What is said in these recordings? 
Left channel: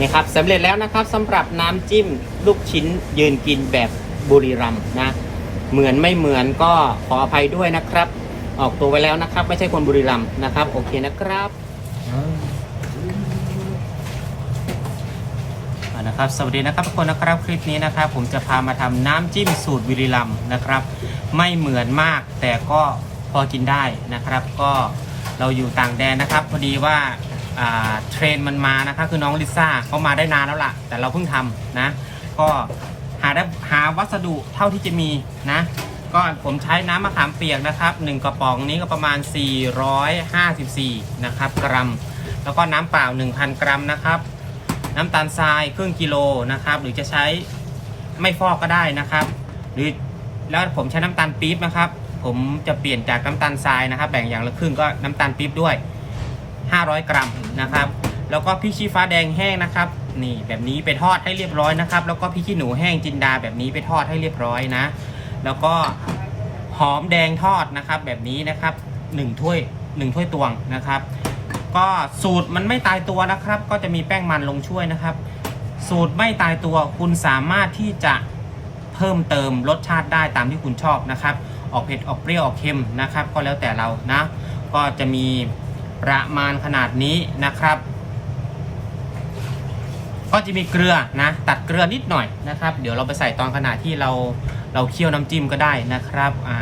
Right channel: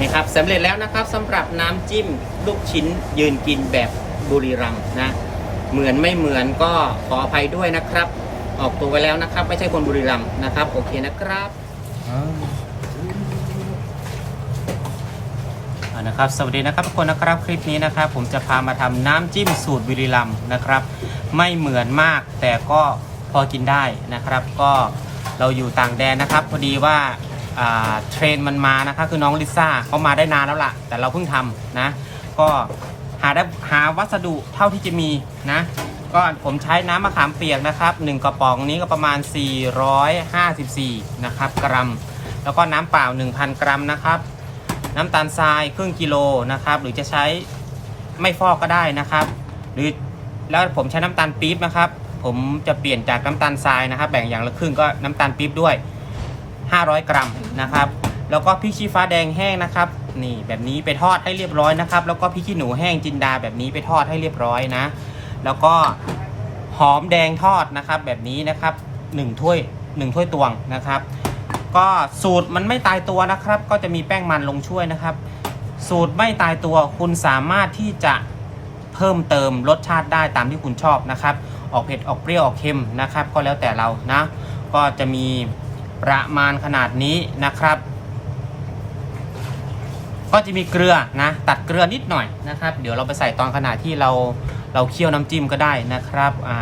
นี่ครับสำเร็จแล้วนะครับสำหรับน้ำจิ้มลูกชิ้นยืนกินแบบบุรีรัมย์นะเหมือนไม่เหมือนก็ขออภัยด้วยนะครับ ออกตัวไว้แล้วนะครับ ไม่ใช่คนบุรีรัมย์นะครับ โอเคนะครับนะครับสวัสดีนะครับทุกคนนะครับคลิปนี้นะครับ ผมจะพามาทำน้ำจิ้มสูตรบุรีรัมย์นะครับ ไม่เหมือนมากแต่ก็พอกินได้นะครับ ก็เราอยู่ต่างแดนนะครับ พอดีว่า เทรนมันมานะครับคือน้องลิซ่าเขามาได้นานแล้วล่ะ แต่เราเพิ่งทำนะ ก็หาได้หาวัสดุเท่าที่จะมีนะก็ผมใช้น้ำมะขามเปียกนะครับ1กระป๋องนี้ก็ประมาณ 454 นะครับกรัม แล้วก็น้ำเปล่า 1,000 กรัมนะครับ น้ำตาลทรายครึ่งกิโลนะครับ หรือจะใช้ไม่ฟอกก็ได้นะครับ หรือแล้วผมใช้น้ำตาลปี๊บนะครับ ผมจะเปลี่ยนจากน้ำตาลทรายนะครับ แบ่งอย่างละครึ่งก็น้ำตาลปี๊บด้วย 500 กรัมนะครับ แล้วก็พริกชี้ฟ้าแดงแห้งนะครับ นี่แบบนี้ไปทอดให้เรียบร้อยนะครับ แล้วก็พริกขี้หนูแห้งจินดาแบบนี้ไปทอดให้เรียบร้อยนะ แล้วก็หอมแดงทอดนะครับ แบบนี้นะครับ1ถ้วย1ถ้วยตวงนะครับ ก็สูตรมันไม่ตายตัวนะครับ ก็จะมีแป้งมันลงช่วยนะครับ สูตรไม่ตายตัวคุณสามารถที่จะเพิ่มเติมรสชาติได้ตามที่คุณชอบนะครับ ออกเผ็ดออกเปรี้ยวออกเค็มนะครับ ก็แล้วแต่เรานะ ก็จะมี ประมาณขนาดนี้นะครับ ก็จะมีเกลือนะ ตัดเกลือนิดหน่อยนะครับ เดี๋ยวเราไปใส่ตอนขณะที่เราเราเคี่ยวน้ำจิ้มก็ได้นะครับอ่า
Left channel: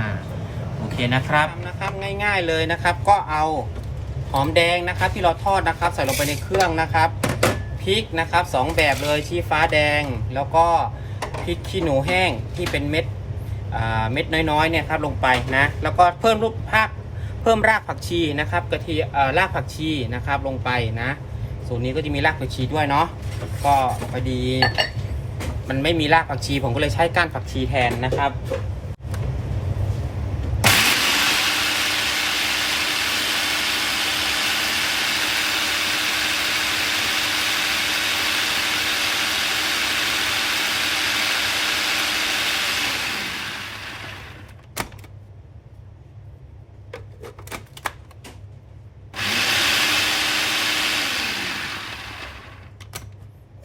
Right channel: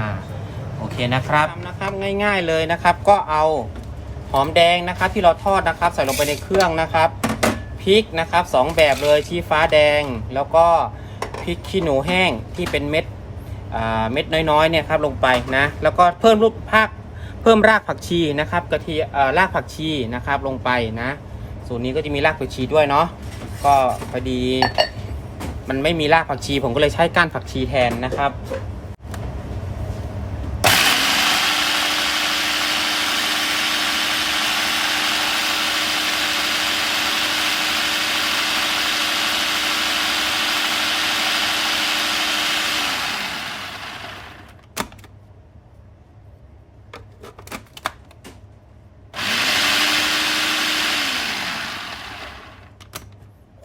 โอเคนะครับนะครับง่ายๆเลยนะครับ ก็เอาหอมแดงนะครับที่เราทอดนะครับ ใส่ลงไปในเครื่องนะครับพริกนะครับสองแบบเลยชี้ฟ้าแดง แล้วก็พริกขี้หนูแห้งที่เป็นเม็ดเม็ดน้อยๆเนี่ยครับลงไปนะ แล้วก็เพิ่มรูปภาค เพิ่มรากผักชีนะครับกระเทียมเอ่อรากผักชีนะครับลงไปนะ ส่วนนี้ก็จะมีรากผักชีด้วยเนาะก็พอดี มันไม่มีรากผักชี ผมก็เลยใช้ก้านผักชีแทนนะครับ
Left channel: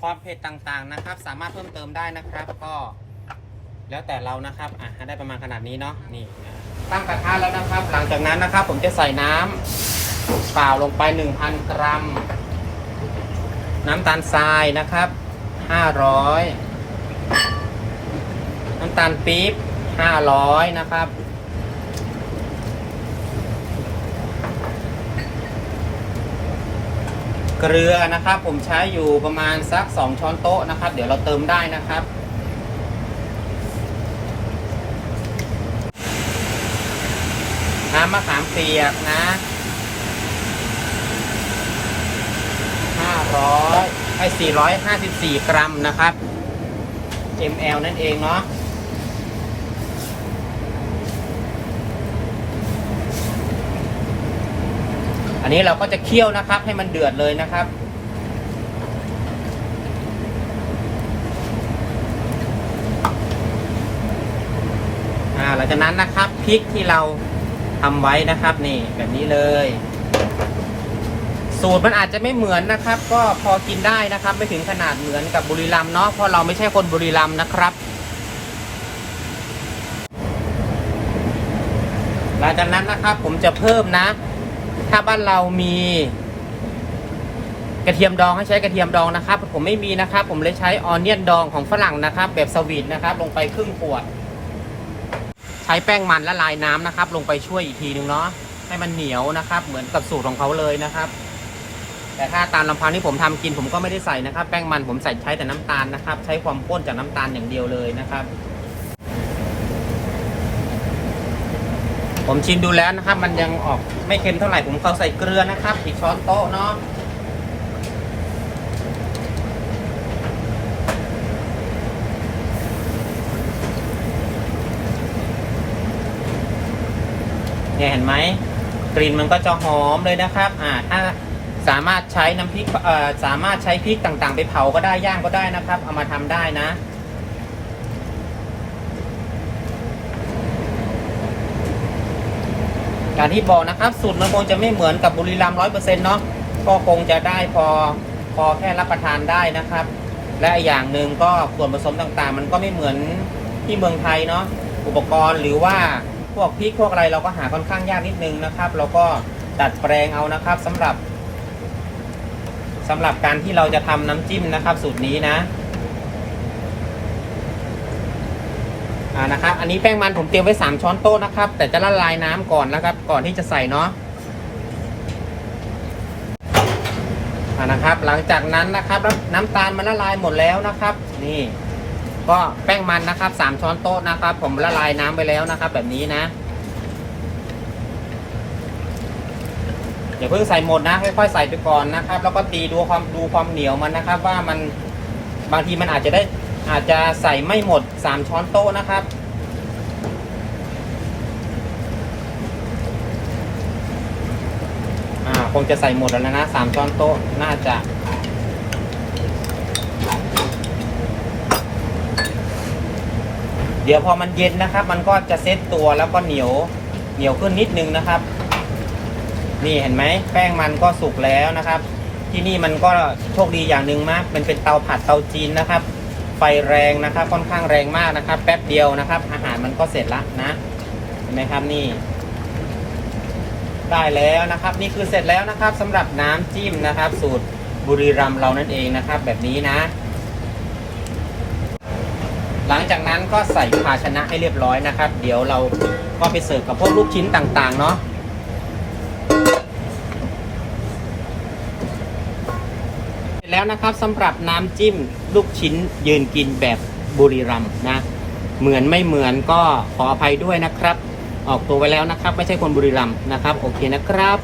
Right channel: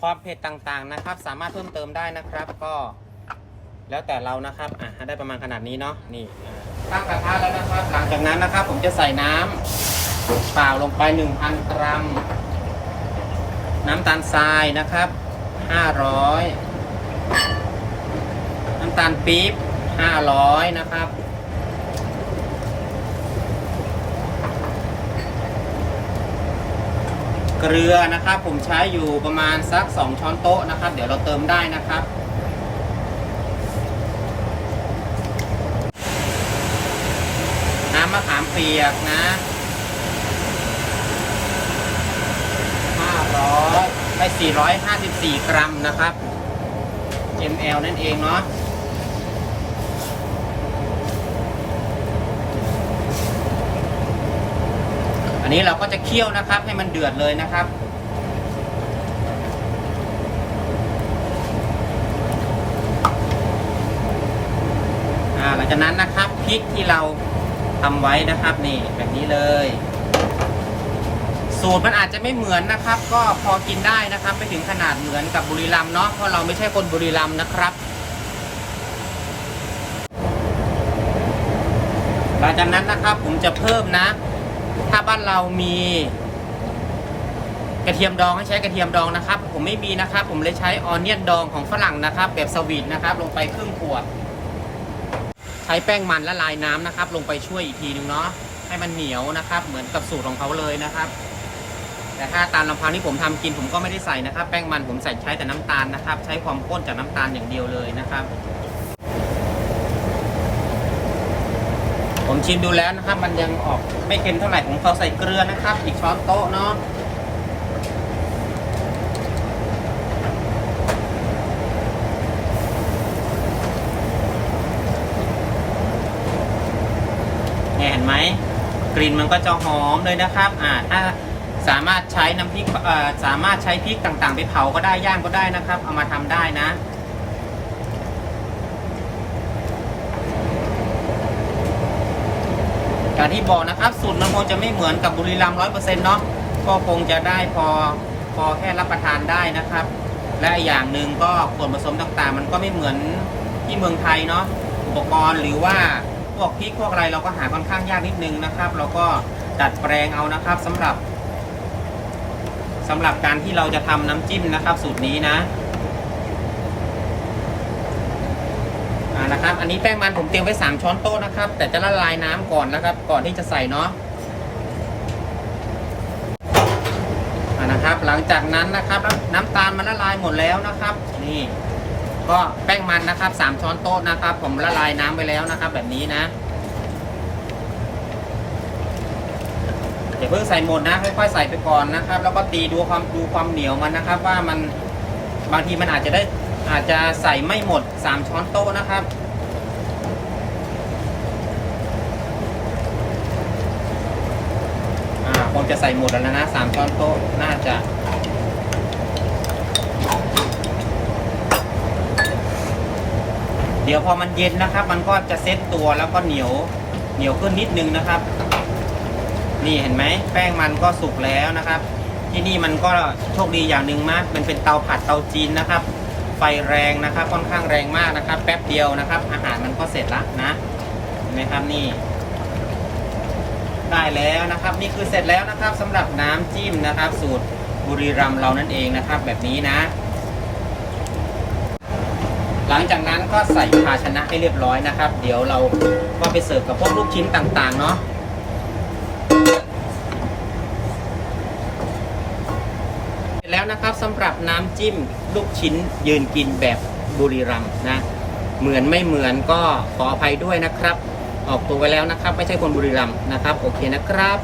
ความเผ็ดต่างๆนะครับ สามารถเพิ่มเติมได้นะครับ ก็แล้วแต่เรานะครับอะให้ได้ประมาณขนาดนี้เนาะนี่อะตั้งกระทะแล้วนะครับ หลังจากนั้นนะครับ ผมจะใส่น้ำเปล่าลงไป 1,000 กรัม น้ำตาลทรายนะครับ 500 น้ำตาลปี๊บ 500 นะครับ เกลือนะครับ ผมใช้อยู่ประมาณสัก 2 ช้อนโต๊ะนะครับ เดี๋ยวเราเติมได้นะครับ น้ำมะขามเปียกนะ500ให้454 กรัมนะครับ ml นั่นเองเนาะ นี้เราก็จะเคี่ยวนะครับ ให้มันเดือดเลยนะครับหลังจากนั้นนะครับพริกที่เราทำไว้นะครับนี่แบบนี้เลย สูตรมันอาจจะไม่เหมือนนะครับ ก็พอกินได้นะครับ ไม่ถึงขนาดเหมือนกับบุรีรัมย์เนาะเพราะเราไม่ใช่คนบุรีรัมย์นะครับหลังจากนั้นนะครับผมจะเพิ่มนะ ถ้าบ้านเรามีกระเทียมดองให้ใช้กระเทียมดองนะครับ ผมไม่มีนะครับ ผมเลยใช้ออนเนียนดองของฝรั่งนะครับ แบบสวีทนะครับ ลงไปครึ่งขวด ใช้แป้งมันละลายน้ำนะครับ ลงไปช่วยอีกทีนึงเนาะให้มันเหนียวนะครับ เหมือนกับสูตรของเขาเลยนะครับ แต่ถ้าตามลำพังที่ผมทำกินผมก็ไม่ได้ใส่นะครับ แป้งมันผมใส่ใช้แต่น้ำตาลนะครับ ใช้ความข้นจากน้ำตาลอย่างเดียวเลยนะครับ ผมชิมดูแล้วนะครับ มันยังออกไม่เค็มเท่าไหร่ผมเขาใส่เกลือนะครับ อีกช้อนโต๊ะเนาะเนี่ยเห็นไหมกลิ่นมันก็จะหอมเลยนะครับ อ่าถ้าสามารถใช้น้ำพริกสามารถใช้พริกต่างๆ ไปเผาก็ได้ย่างก็ได้นะครับ เอามาทำได้นะ อย่างที่บอกนะครับสูตรมันคงจะไม่เหมือนกับบุรีรัมย์ร้อยเปอร์เซ็นต์เนาะก็คงจะได้พอพอแค่รับประทานได้นะครับ และอย่างหนึ่งก็ส่วนผสมต่างๆ มันก็ไม่เหมือนที่เมืองไทยเนาะอุปกรณ์หรือว่าพวกพริกพวกอะไรเราก็หาค่อนข้างยากนิดนึงนะครับ เราก็ดัดแปลงเอานะครับสำหรับสำหรับการที่เราจะทำน้ำจิ้มนะครับ สูตรนี้นะอ่า นะครับ อันนี้แป้งมันผมเตรียมไว้3ช้อนโต๊ะนะครับ แต่จะละลายน้ำก่อนนะครับ ก่อนที่จะใส่เนาะนะครับ หลังจากนั้นนะครับน้ำน้ำตาลมันละลายหมดแล้วนะครับ นี่ ก็แป้งมันนะครับสามช้อนโต๊ะนะครับ ผมละลายน้ำไปแล้วนะครับ แบบนี้นะอย่าเพิ่งใส่หมดนะค่อยๆใส่ไปก่อนนะครับ แล้วก็ตีดูความดูความเหนียวมันนะครับ ว่ามันบางทีมันอาจจะได้อาจจะใส่ไม่หมดสามช้อนโต๊ะนะครับ อ่า คงจะใส่หมดแล้วนะสามช้อนโต๊ะน่าจะเดี๋ยวพอมันเย็นนะครับ มันก็จะเซ็ตตัวแล้วก็เหนียวเหนียวขึ้นนิดนึงนะครับ นี่เห็นไหมแป้งมันก็สุกแล้วนะครับ ที่นี่มันก็โชคดีอย่างหนึ่งมาก มันเป็นเตาผัดเตาจีนนะครับ ไฟแรงนะครับ ค่อนข้างแรงมากนะครับ แป๊บเดียวนะครับ อาหารมันก็เสร็จละนะเห็นไหมครับนี่ ได้แล้วนะครับนี่คือเสร็จแล้วนะครับสำหรับน้ำจิ้มนะครับ สูตรบุรีรัมเรานั่นเองนะครับ แบบนี้นะ หลังจากนั้นก็ใส่ภาชนะให้เรียบร้อยนะครับ เดี๋ยวเราก็ไปเสิร์ฟกับพวกลูกชิ้นต่างๆเนาะเสร็จแล้วนะครับสำหรับน้ำจิ้มลูกชิ้นยืนกินแบบบุรีรัมนะ เหมือนไม่เหมือนก็ขออภัยด้วยนะครับ ออกตัวไว้แล้วนะครับ ไม่ใช่คนบุรีรัมย์นะครับโอเคนะครับ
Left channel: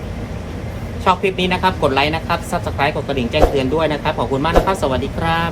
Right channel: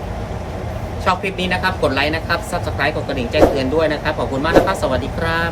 ชอบคลิปนี้นะครับ กดไลค์นะครับ subscribe กดกระดิ่งแจ้งเตือนด้วยนะครับ ขอบคุณมากนะครับ สวัสดีครับ